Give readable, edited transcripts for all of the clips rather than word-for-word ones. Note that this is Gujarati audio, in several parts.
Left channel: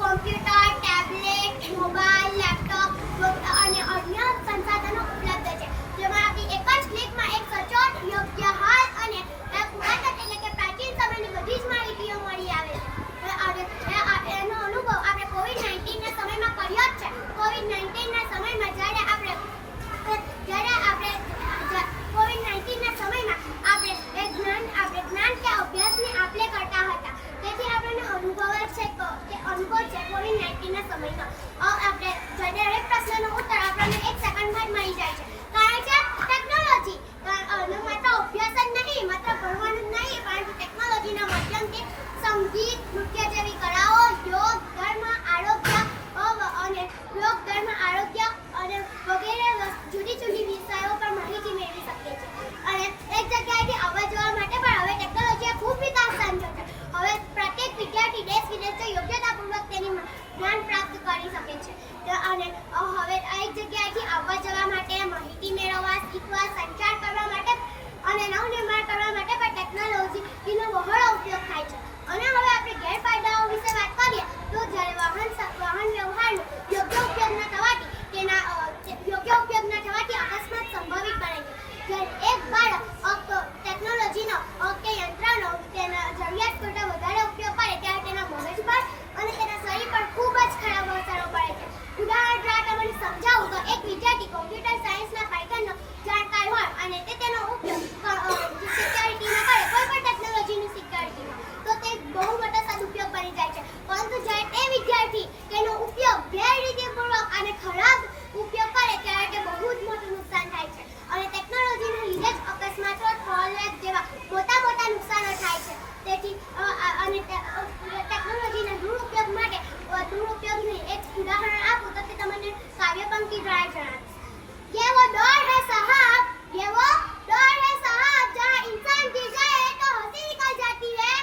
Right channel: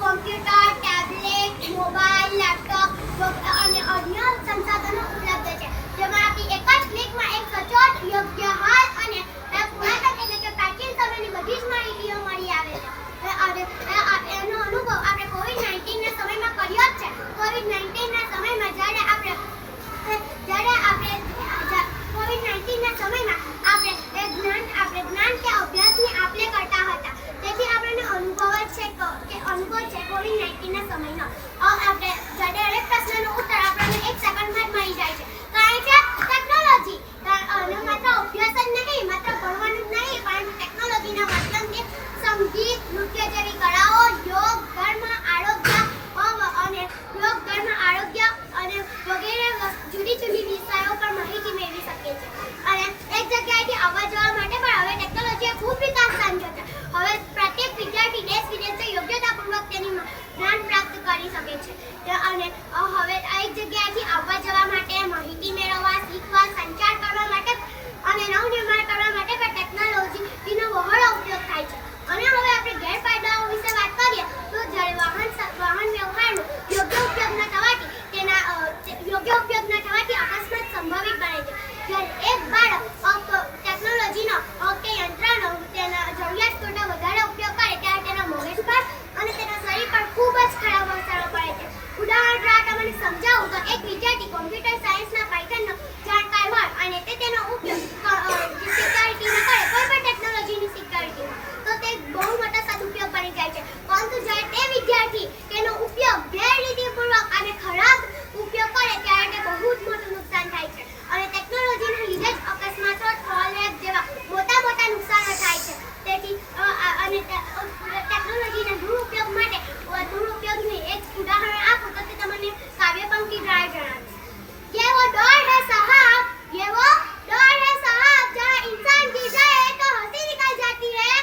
કોમ્પ્યુટર, ટેબ્લેટ, મોબાઈલ, લેપટોપ અને અન્ય સંસાધનો ઉપલબ્ધ છે, જેમાંથી એક જ ક્લિકમાં એક સચોટ, યોગ્ય, હાલ અને પુરાતન એટલે કે પ્રાચીન સમયની બધી જ માહિતીઓ મળી આવે છે. એનો અનુભવ આપણે કોવિડ-19 ના સમયમાં કર્યો જ છે. કોવિડ-19 ના સમયમાં જ્યારે આપણે કોવિડ-19 ના સમયમાં આપણે જ્ઞાન કે અભ્યાસની આપ-લે કરતા હતા. તેથી આપણને અનુભવ છે કોવિડ-19 ના સમયનો. આપણે દરેક પ્રશ્નનો ઉત્તર આપણને 1 સેકન્ડમાં જ મળી જાય છે. કારણ કે ટેકનોલોજી માત્ર અભ્યાસ જ નહીં, માત્ર ભણવાનું જ નહીં, પરંતુ ટેકનોલોજીના માધ્યમથી સંગીત, નૃત્ય જેવી કળાઓ, યોગ, ધર્મ, આરોગ્ય અને વગેરે જુદી જુદી વિષયો પર માહિતી મેળવી શકીએ છીએ. અને એક જગ્યાએથી આવવા જવા માટે પણ હવે ટેકનોલોજીએ ખૂબ વિકાસ સાધ્યો છે. હવે પ્રત્યેક વિદ્યાર્થી દેશ વિદેશથી યોગ્યતાપૂર્વક તેની જ્ઞાન પ્રાપ્ત કરી શકે છે. અને હવે એક જગ્યાએથી આવવા જવા માટે, માહિતી મેળવવા, શીખવા, સંચાર કરવા માટે અને નવનિર્માણ કરવા માટે પણ ટેકનોલોજીનો બહોળો ઉપયોગ થાય છે. અને હવે આપણે ગેરફાયદાઓ વિશે વાત કરીએ તો જ્યારે વાહન વ્યવહારનો યોગ્ય ઉપયોગ ન થવાથી અકસ્માત સંભવિત બને છે. જ્યારે એક બાળક ટેકનોલોજીનો કે યંત્રનો તેના જરૂરિયાત કરતાં વધારે ઉપયોગ કરે ત્યારે તેના મગજ પર અને તેના શરીર પર ખૂબ જ ખરાબ અસરો પડે છે. ઉદાહરણ તરીકે તમને સમજાવું તો એક વિદ્યાર્થી કોમ્પ્યુટર સાયન્સના પાયથનનો જાણકાર હોય અને તેનો ઉપયોગ સિક્યોરિટીમાં કરે, કોઈ પણ ટેકનોલોજીની સિક્યોરિટીમાં, તો તે બહુ મોટો સદુપયોગ બની જાય છે. પરંતુ જ્યારે તે વિદ્યાર્થી તેનો ઉપયોગ ગેરરીતિપૂર્વક અને ખરાબ ઉપયોગ કરે ત્યારે તે બહુ જ મોટું નુકસાન થાય છે. અને ટેકનોલોજીના લીધે જ અકસ્માતો, ટ્રોલ જેવા મોટા નુકસાનો થાય છે. તેથી ટેકનોલોજીના દુરુપયોગની એક ઉદાહરણ આપું તો તે તમને કાવ્યપંક્તિ દ્વારા જણાવીશ. ये वो दौर है साहब, ये वो दौर है साहब, जहाँ इंसान गिर जाए तो हंसी निकल जाती है,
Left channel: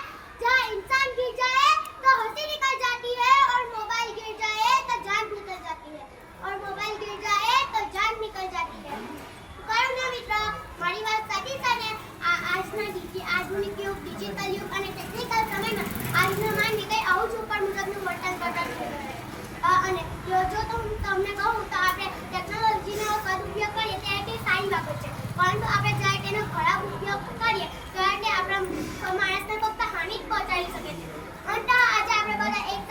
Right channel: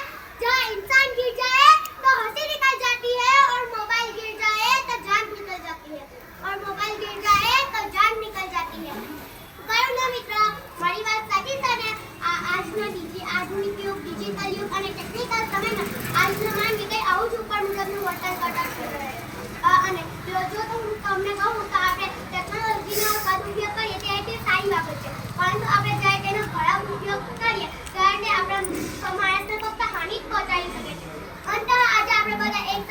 जहाँ इंसान गिर जाए तो हंसी निकल जाती है, और मोबाइल गिर जाए तो जान निकल जाती है, और मोबाइल गिर जाए तो जान निकल जाती है. કયું ને મિત્ર, મારી વાત સાચી છે ને? આજના આધુનિક યુગ, ડિજિટલ યુગ અને ટેકનિકલ સમયમાં આજનો માનવી કંઈ આવું જ ઉપર મુજબનું વર્તન કરતા છે. અને જો તો હું તમને કહું તો આપણે ટેકનોલોજીનો સદુપયોગ કરીએ ત્યારે તે સારી બાબત છે, પરંતુ આપણે જ્યારે તેનો ખરાબ ઉપયોગ કરીએ ત્યારે તે આપણા માણસને ફક્ત હાનિ જ પહોંચાડી શકે છે. અંતતઃ આજે આપણે બધા એક